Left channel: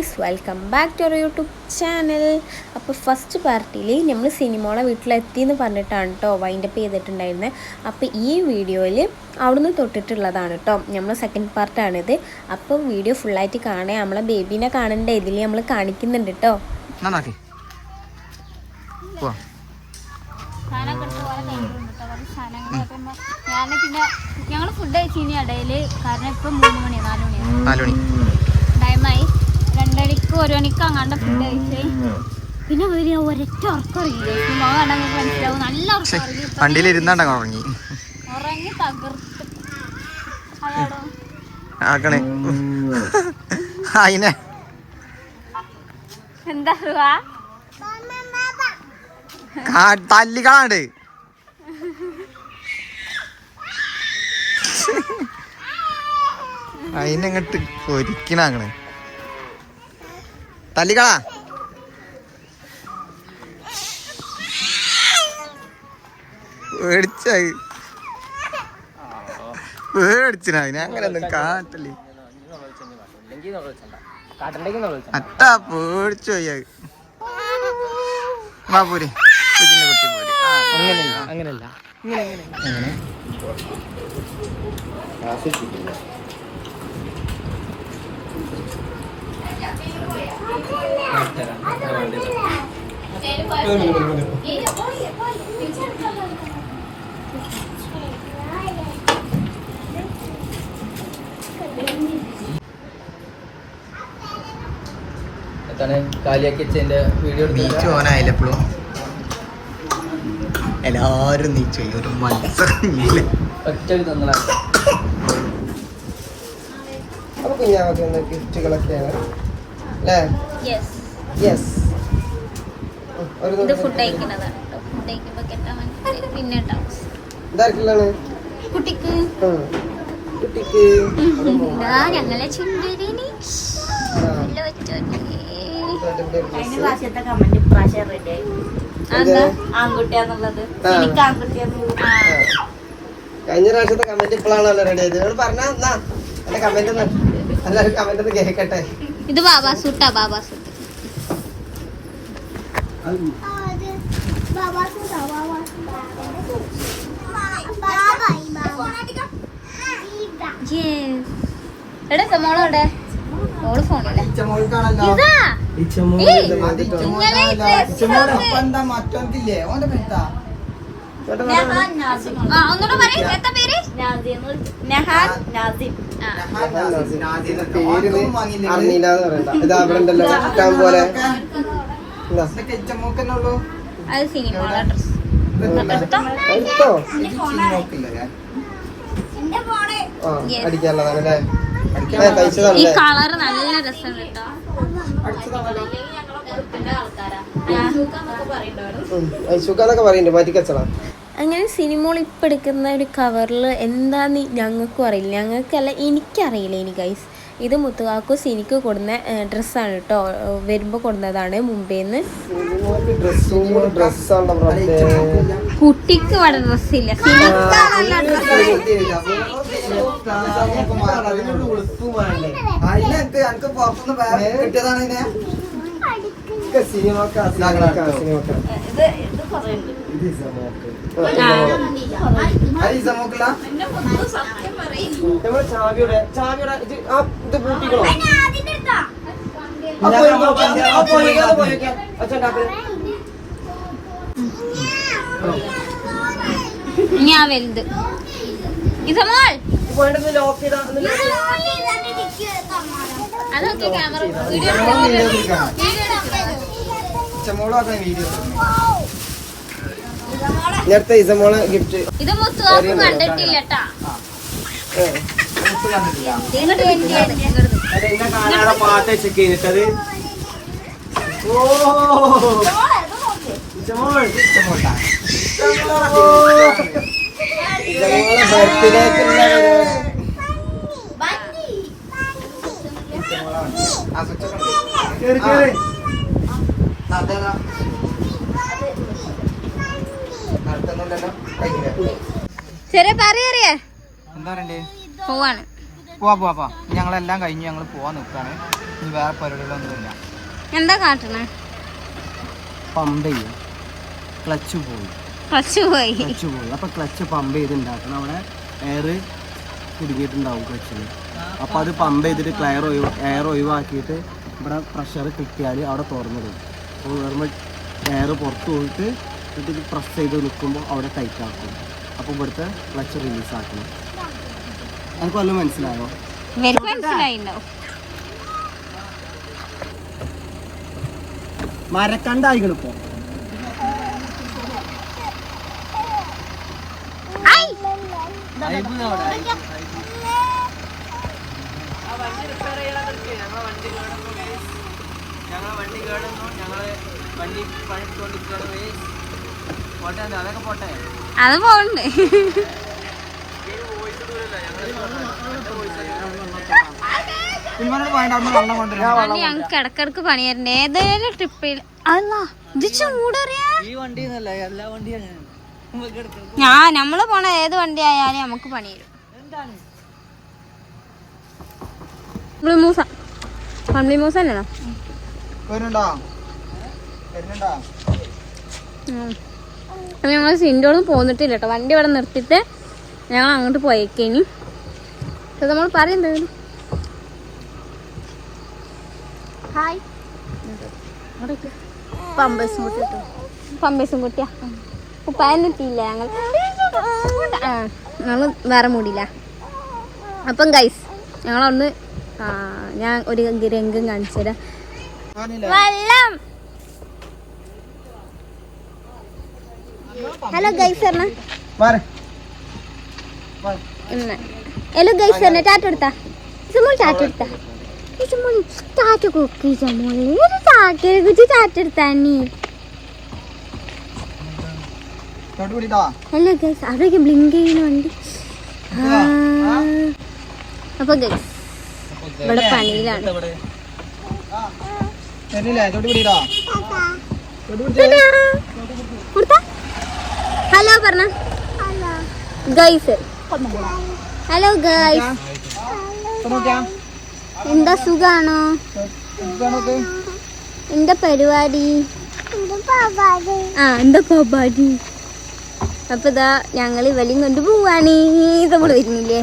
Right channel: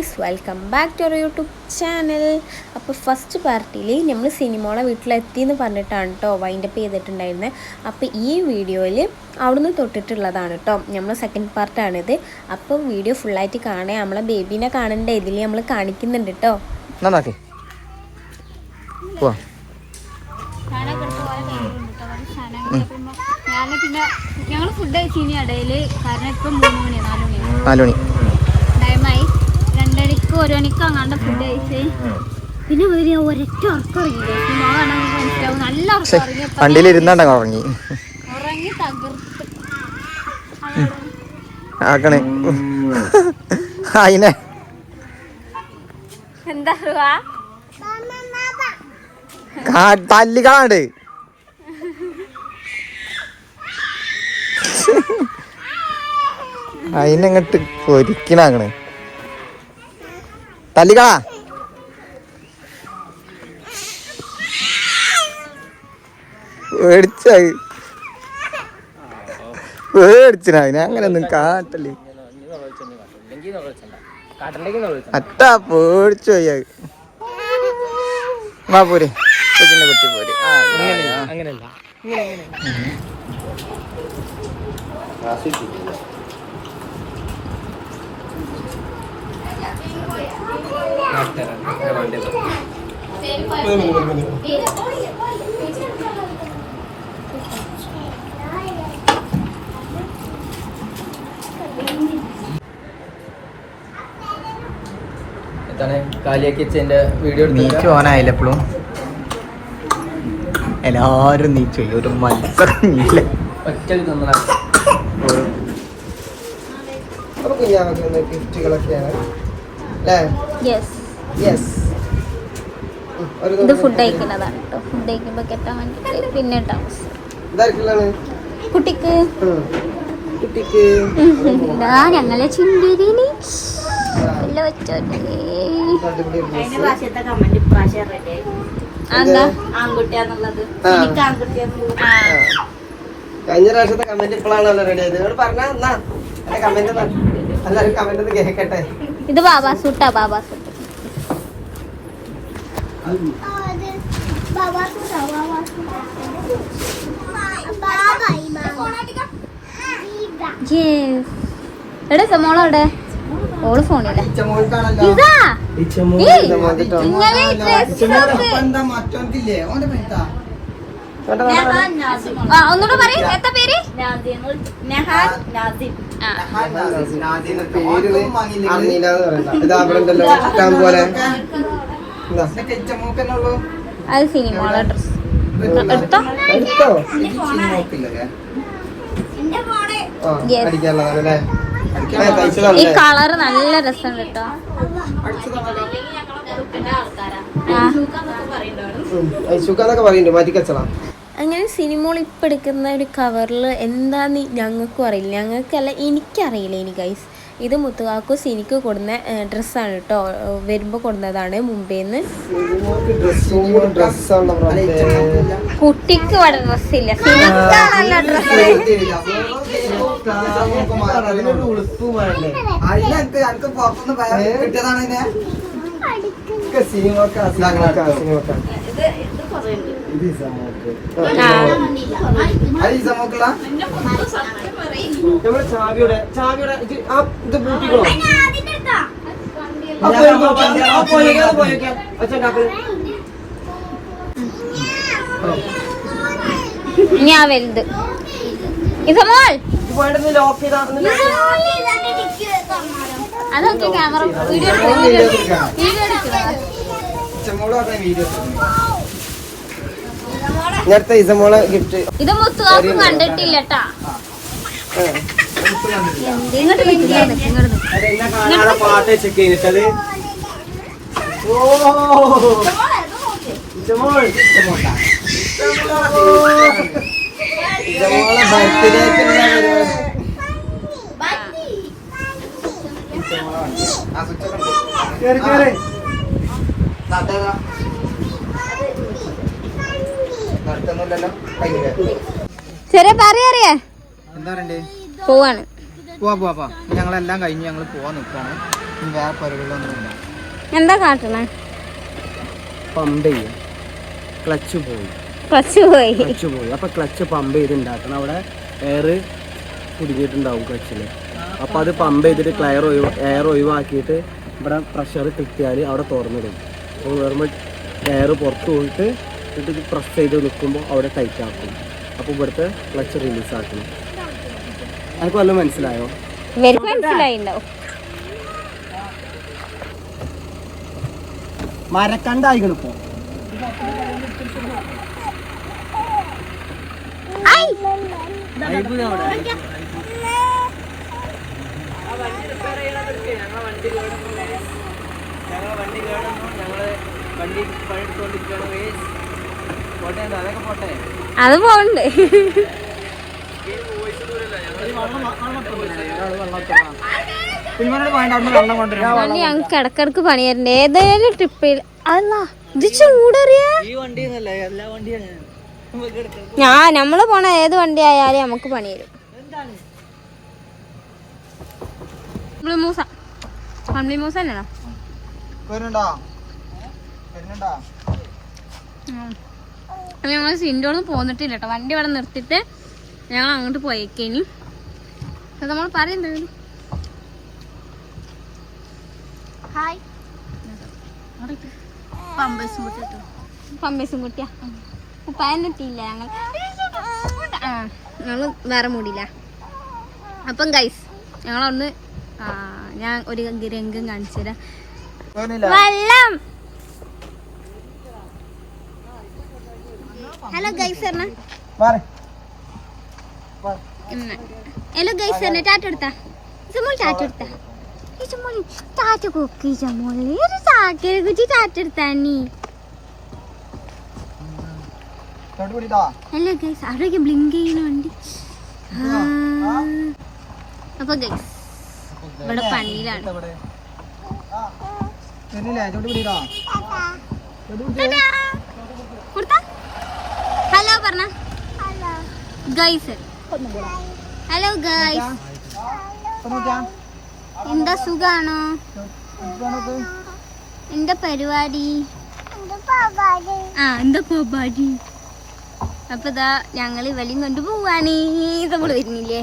Guys welcome back to our YouTube channel അപ്പോൾ first പാർട്ടിയിൽ നമ്മൾ സിനിമോളെ വീട്ടിലെത്തി എന്ന് പറഞ്ഞിട്ടാണ് കേട്ടോ വൈൻഡപ്പ് ചെയ്തിട്ടുണ്ടായിരുന്നത് അപ്പോൾ ഈ വീഡിയോയിൽ അവിടുന്ന് തൊട്ടിട്ടുള്ളതാണ് കേട്ടോ നമ്മൾ സെക്കൻഡ് പാർട്ടാണിത് അപ്പോൾ വീഡിയോ ഫുള്ളായിട്ട് കാണുക നമ്മളെ ബേബീനെ കാണേണ്ട? ഇതിൽ നമ്മൾ കാണിക്കുന്നുണ്ട് കേട്ടോ ഞാൻ പിന്നെ ഞങ്ങൾ ഫുഡ് കഴിച്ചിനി ഇടയിൽ കാരണം ഇപ്പം മൂന്ന് മണി. നാല് മണി നാല് മണി ടൈമായി രണ്ടരക്ക് ഒരു മണിക്ക് അങ്ങാണ്ട് ഫുഡ് കഴിച്ചേ. പിന്നെ ഒരു ഒരൊറ്റ ഉറക്കറിയില്ലേ കാണാൻ നിങ്ങൾക്ക് മനസ്സിലാവും. നല്ല ഉറക്കം വണ്ടിയിൽ ഇരുന്നാണ്ട ഉറങ്ങി. ഉറങ്ങി തകർത്ത്. ആക്കണേ. അതിനെ എന്താ കാ തല്ലി കാണാണ്ട് അതിനെങ്ങട്ട് പൊരിക്കണാക്കണ് തല്ലിക്കളാ പേടിച്ചായി പേടിച്ചിന അതിനെ അങ്ങനെ ഒന്നും കാട്ടല്ലേ അട്ടാ പേടിച്ചു പോയി. വാ പോരെ കൊച്ചിന്റെ കുട്ടി പോരെ. അങ്ങനെയല്ല അങ്ങനെ. വീഡിയോ നീച്ച് എപ്പോഴും എല്ലാരും നീച്ചു. ഒരു മത്സരം ഇല്ല. അപ്പൊ ഗിഫ്റ്റുകളൊക്കെയാണ്. ഇത് ഫുഡ് കഴിക്കുന്നതാണ് കേട്ടോ ഫുഡ് കഴിക്കുമ്പോൾ കെട്ടാൻ വേണ്ടി പിന്നെ കുട്ടിക്ക്. ഇതാ ഞങ്ങളെ ചിന്തിരിനി കഴിഞ്ഞ പ്രാവശ്യത്തെ കമന്റ് ഇപ്പോഴാണല്ലോ റെഡി ആയത്. നിങ്ങൾ പറഞ്ഞാ എന്നാ കമന്റ് എല്ലാവരും കമന്റ് കേൾക്കട്ടെ. ഇത് ബാബാ സൂട്ടാ ബാബാ സൂട്ട്. എവിടെ? സമോളവിടെ ഓൾ ഫോണില്ല ഇതാ. ഇങ്ങനെ ഒന്നുകൂടെ പറയും. എന്താ പേര്? നെഹാൻ നാസിം. അത് ഡ്രസ് എടുത്തോ. ഈ കളർ നല്ല രസം കേട്ടോ. സുഖന്നൊക്കെ പറയുന്നുണ്ട്. മാറ്റിക്കച്ചടാ അങ്ങനെ സിനിമകൾ ഇപ്പം എടുക്കുന്ന ഒരു കവറിൽ എന്താന്ന് ഞങ്ങൾക്കും അറിയില്ല. ഞങ്ങൾക്കല്ല എനിക്കറിയില്ല ഇനി ഗൈസ് ഇത് മുത്തുകാക്കൂസ് എനിക്ക് കൊടുന്ന ഡ്രസ്സാണ് കേട്ടോ വരുമ്പോൾ കൊടുന്നതാണ് മുംബൈന്ന്. കുട്ടിക്ക് ഇവിടെ ഡ്രസ്സില്ല നല്ല ഇത് ഇത് കുറയുണ്ട് ആ ചാവിയുടെ ചാവിയുടെ ഇത് ആ ഇത് പൂട്ടിക്കോ? ഞാൻ വലുത്. ഇത് ലോക്ക് അതൊക്കെ ക്യാമറ വീഡിയോ നേരത്തെ ഇസമോളെ ഗിഫ്റ്റ് ഇത് മുത്തുവാക്കും കണ്ടിട്ടില്ല പാട്ട് ചെക്ക് ചെയ്തിട്ടത്. ഓ ഇച്ചമോൾ ഇച്ചമോട്ടാ ഇച്ചമോളെ കേറി കേറി. നടക്കുന്നുണ്ടല്ലോ. കഴിഞ്ഞ ചെറിയ പറയറിയേ എന്താ പറയണ്ടേ? പോവാണ്. പോവാ പോവാ പോവാ. ഞങ്ങളെല്ലാം കഴിഞ്ഞ് ഞങ്ങൾ പോവാൻ നിൽക്കാണ് ഇനി വേറെ പരിപാടികളൊന്നുമില്ല. എന്താ കാട്ടണേ? പമ്പ് ചെയ്യും. ക്ലച്ച് പോയി. ക്ലച്ച് പോയി. ക്ലച്ച് പോയി. അപ്പൊ ക്ലച്ച് പമ്പ് ചെയ്ത് ഉണ്ടാക്കണം. അവിടെ എയർ കുടുങ്ങിയിട്ടുണ്ടാവും ക്ലച്ചിൽ അപ്പൊ അത് പമ്പ് ചെയ്തിട്ട് ക്ലയർ ഒഴിവ് എയർ ഒഴിവാക്കിയിട്ട് ഇവിടെ പ്രഷർ കിട്ടിയാൽ അവിടെ തുറന്നിടും. അപ്പോൾ നോർമൽ എയർ പുറത്ത് പോയിട്ട് എന്നിട്ട് ഇത് പ്രസ് ചെയ്ത് നിൽക്കുമ്പോൾ അവിടെ ടൈറ്റ് ആക്കും. അപ്പോൾ ഇവിടുത്തെ ക്ലച്ച് റിലീസ് ആക്കണം. അതൊക്കെ വല്ലതും മനസ്സിലായോ? മരക്കണ്ടായിക്കണിപ്പോ മനസ്സിലായിണ്ടാവും മരക്കണ്ടായിക്കണം ഇപ്പോൾ ഞങ്ങൾ വണ്ടി കേടുന്നു ഞങ്ങൾ വണ്ടി പണിയെടുത്തോണ്ടിരിക്കുകയാണ് പോട്ടെ അതൊക്കെ പോട്ടെ. അത് പോകണ്ട് വണ്ടി ഞങ്ങൾക്ക് ഇടക്കിടക്ക് പണിയായിരുന്നു. ഏതേലും ട്രിപ്പിൽ അല്ല ഇത് ചൂടറിയ. ഞാൻ നമ്മൾ പോണ ഏത് വണ്ടി ആയാലും നമുക്ക് പണി തരും മൂസ. ഫാമിലി മൂസ തന്നെയാണോ? ഞങ്ങൾ സിൻഡോളും പോന്നിട്ടില്ല കേട്ടോ വണ്ടി ഇവിടെ നിർത്തിട്ട് ഞങ്ങൾ അങ്ങോട്ട് പോയേക്കേനി നമ്മൾ പറയുന്നത് ഹായ്. പമ്പേഴ്സും കുട്ടിയാ ഉപ്പായം കിട്ടിയില്ല ഞങ്ങൾ ഞങ്ങൾ വേറെ മൂടിയില്ല. അപ്പം ഗൈസ് ഞങ്ങളൊന്ന് ഞാൻ ഒരു രംഗം കാണിച്ചു തരാം വെള്ളം. ഹലോ ഗൈസ് ഹലോ ഗൈസ് പറഞ്ഞ. ടാറ്റ എടുത്താ. ചുമോൾ ടാറ്റ എടുത്താ. ഈ ചുമോൾ ടാറ്റ കൊടുക്കി ചുമോളെ ഒരു ചാക്കരെ കുറിച്ച് ടാറ്റ എടുത്താ നീ? ഹലോ ഗൈസ് അവിടേക്ക് ബ്ലിങ്ക് ചെയ്യുന്ന വണ്ടി. ആ. അപ്പൊ ഗൈസ് ഇവിടെ പണിയിലാണ് വരുന്നില്ലേ തൊട്ട് പിടിട്ടോ കൊടുത്താ ഹലോ പറഞ്ഞ. ഗൈസ് ഹലോ ഗൈസ് എന്താ സുഖാണോ? എന്താ പരിപാടി? ആ എന്താ പരിപാടി അപ്പൊ ഇതാ ഞങ്ങൾ ഇവലിയും കൊണ്ട് പോവാണ്. നമ്മൾ വരുന്നില്ലേ?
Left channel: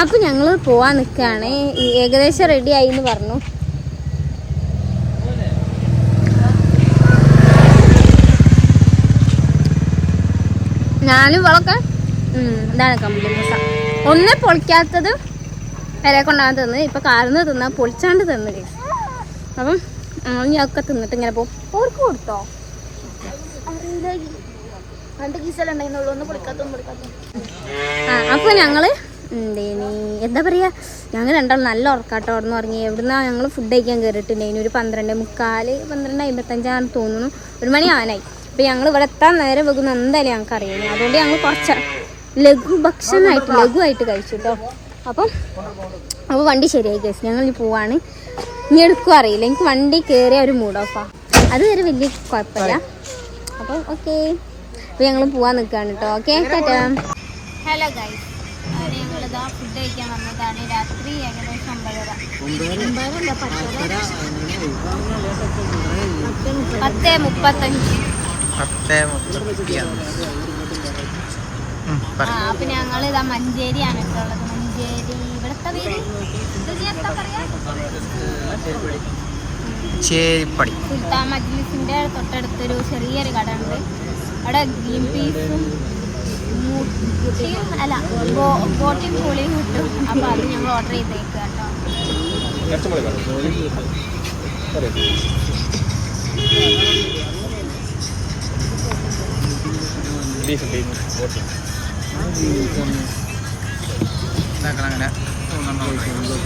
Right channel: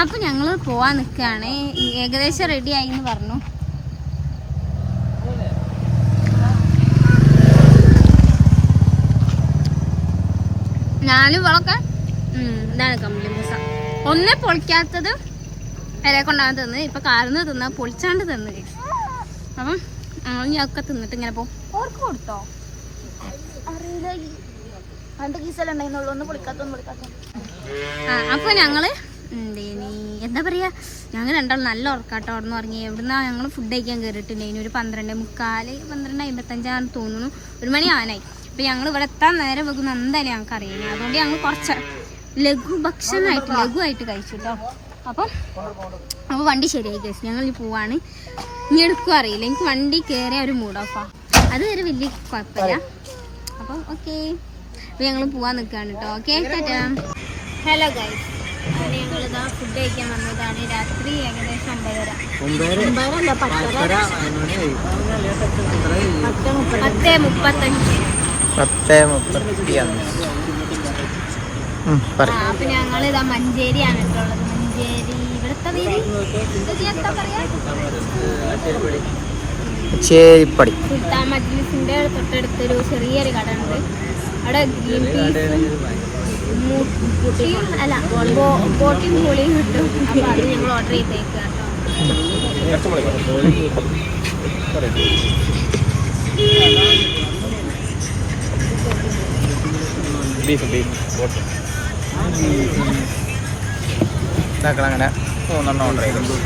അപ്പൊ ഞങ്ങൾ പോവാൻ നിക്കാണ്. ഏകദേശം റെഡി ആയി എന്ന് പറഞ്ഞു. ഞാനും ഇവളൊക്കെ ഇതാണ് കമ്പനി മുസ ഒന്നേ പൊളിക്കാത്തത് വരെ കൊണ്ടാണ് തിന്ന്. ഇപ്പൊ കാർന്ന് തിന്ന പൊളിച്ചാണ്ട് തിന്ന്. അപ്പം ഞങ്ങൾ ഒക്കെ തിന്നിട്ട് ഇങ്ങനെ പോകും ഓർക്ക് കൊടുത്തോ? ആ അപ്പോൾ ഞങ്ങൾ എന്തേനി എന്താ പറയുക ഞങ്ങൾ രണ്ടാളും നല്ല ഉറക്കാട്ടോ. അവിടെ നിന്ന് ഉറങ്ങി ഞങ്ങൾ ഫുഡ് കഴിക്കാൻ കയറിയിട്ടുണ്ടായിന് ഒരു പന്ത്രണ്ട് മുക്കാൽ പന്ത്രണ്ട് അമ്പത്തഞ്ചാന്ന് തോന്നുന്നു. ഒരു മണി ആനായി അപ്പം ഞങ്ങൾ ഇവിടെ എത്താൻ നേരം വെക്കുന്ന എന്തായാലും ഞങ്ങൾക്ക് അറിയാം. അതുകൊണ്ട് ഞങ്ങൾ കുറച്ച് ലഘു ഭക്ഷണമായിട്ട് ലഘുവായിട്ട് കഴിച്ചു കേട്ടോ അപ്പം അപ്പോൾ വണ്ടി ശരിയായി കേസ് ഞങ്ങൾ ഇനി പോവാണ്. ഇനി എടുക്കും അറിയില്ല. എനിക്ക് വണ്ടി കയറിയ ഒരു മൂഡ് അത് വരെ വലിയ കുഴപ്പമില്ല. അപ്പോൾ ഓക്കെ അപ്പോൾ ഞങ്ങൾ പോവാൻ നിൽക്കുകയാണ് കേട്ടോ ഓക്കെ ഹലോ ഗൈസ് ഫുഡ് കഴിക്കാൻ വന്നതാണ്. രാത്രി ഏകദേശം ഒമ്പതര. ഒമ്പതരല്ല പത്തര. പത്ത് മുപ്പത്തഞ്ച്. പത്ത് മുപ്പത്തി അഞ്ച് ആ, അപ്പൊ ഞങ്ങൾ ഇതാ മഞ്ചേരി ആണ് ഉള്ളത്. മഞ്ചേരി ഇവിടുത്തെ പേര്? ചേരിപ്പടി. സുൽത്താൻ മജ്ലിസിന്റെ തൊട്ടടുത്തൊരു ചെറിയൊരു കട ഉണ്ട് അവിടെ ഗ്രീൻ പീസും മുട്ടിയും അല്ല ബോട്ടിയും പുളിയും കിട്ടും അപ്പോൾ അത് ഞങ്ങൾ ഓർഡർ ചെയ്തേക്കുക കേട്ടോ. അങ്ങനെ. മൂന്നെണ്ണം ഓർഡർ ചെയ്തു.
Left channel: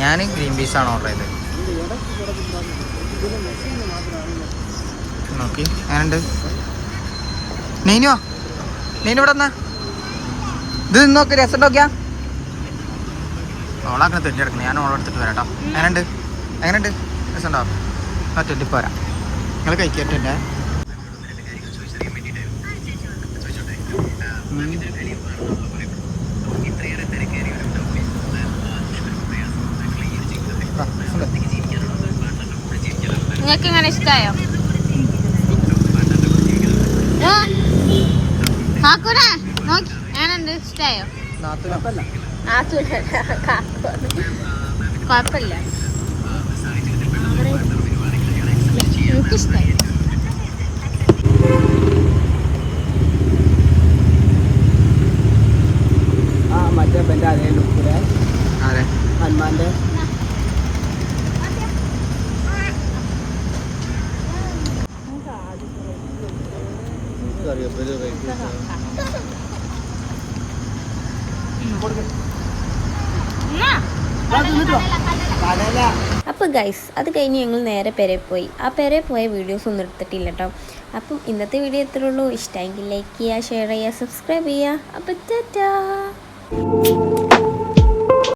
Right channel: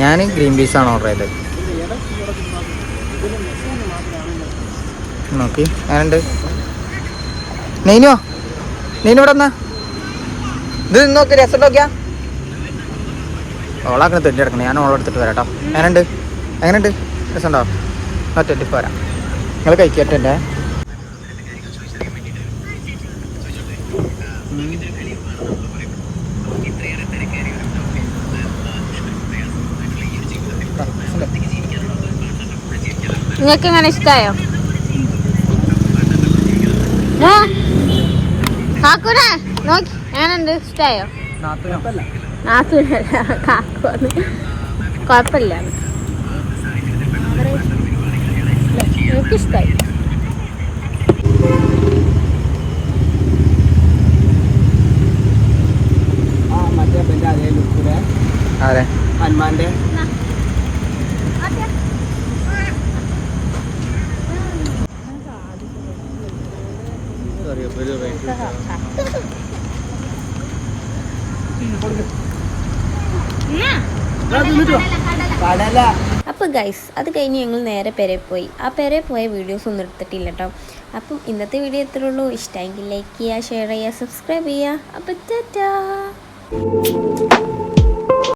ഞാൻ ഗ്രീൻ പീസാണ് ഓർഡർ ചെയ്തത്. നോക്കി. ഞാനുണ്ട് നെയ്നുവോ നെയ്നു ഇവിടെ എന്നാ ഇത് നോക്ക് രസം നോക്കിയാ? ഓളാക്കണ തെറ്റിയെടുക്കണം ഞാൻ ഓളെടുത്തിട്ട് വരാം കേട്ടോ എങ്ങനെയുണ്ട് എങ്ങനെയുണ്ട്? രസമുണ്ടോ? ആ തെറ്റിപ്പോരാ നിങ്ങൾ കഴിക്കട്ടെ നിങ്ങൾക്ക് അങ്ങനെ ഇഷ്ടമായോ കാക്കൂന നോക്കി. എങ്ങനെയുണ്ട്? ഇഷ്ടമായോ നാത്തൂനല്ല കുഴപ്പമില്ല. എനിക്കിഷ്ടായി മറ്റേ ബെന്റെ അതേ ലുക്കിലെ അതെ ഹനുമാന്റെ കടല അപ്പോൾ ഗൈസ് അത് കഴിഞ്ഞ് ഞങ്ങൾ നേരെ പെരെ പോയി. ആ പെരെ പോയ വീഡിയോസ് ഒന്നും എടുത്തിട്ടില്ല കേട്ടോ അപ്പം ഇന്നത്തെ വീഡിയോ എത്ര ഉള്ളൂ. ഇഷ്ടമെങ്കിൽ ലൈക്ക് ചെയ്യുക ഷെയർ ചെയ്യുക സബ്സ്ക്രൈബ് ചെയ്യുക. അപ്പോൾ ടാറ്റാ.